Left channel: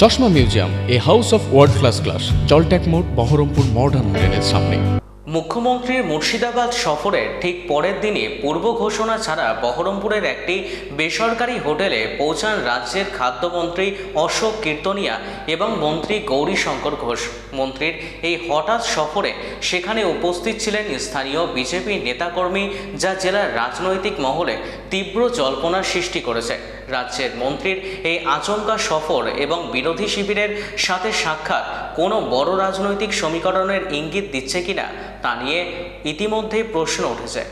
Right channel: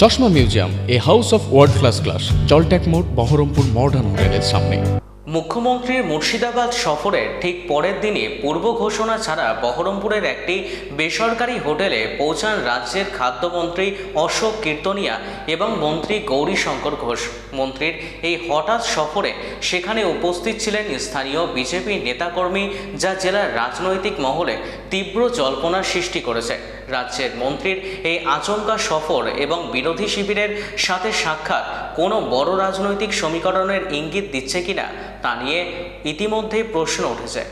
চশমা museum, a house of world class, জলট্যাক মোড়, বহরমপুর মডার্ন হোটেলের সামনে। মুখ্যমন্ত্রীর মুর্শিদাবাদ সফরের ঠিক পরের দিনই পূর্ব ঘোষণা ছাড়া বহরমপুরের একটি বেসরকারি হোটেলে পৌঁছান রাজ্যের খাদ্যমন্ত্রী অশোক কীর্তনিয়া এবং মন্ত্রী গৌরীশঙ্কর ঘোষ। মন্ত্রীর এই হঠাৎ সফরে সেখানে উপস্থিত ছিলেন স্থানীয় বিজেপি নেতাকর্মী, যা জেলার রাজনৈতিক মহলে তীব্র জল্পনার সৃষ্টি করেছে। রাজ্যের মন্ত্রীর এই আচমকা সফর এবং বিরোধী শিবিরের সাথে সাক্ষাৎ কোনো বড় রাজনৈতিক সমীকরণের ইঙ্গিত দিচ্ছে কিনা তা নিয়ে ইতিমধ্যেই প্রশ্ন উঠেছে।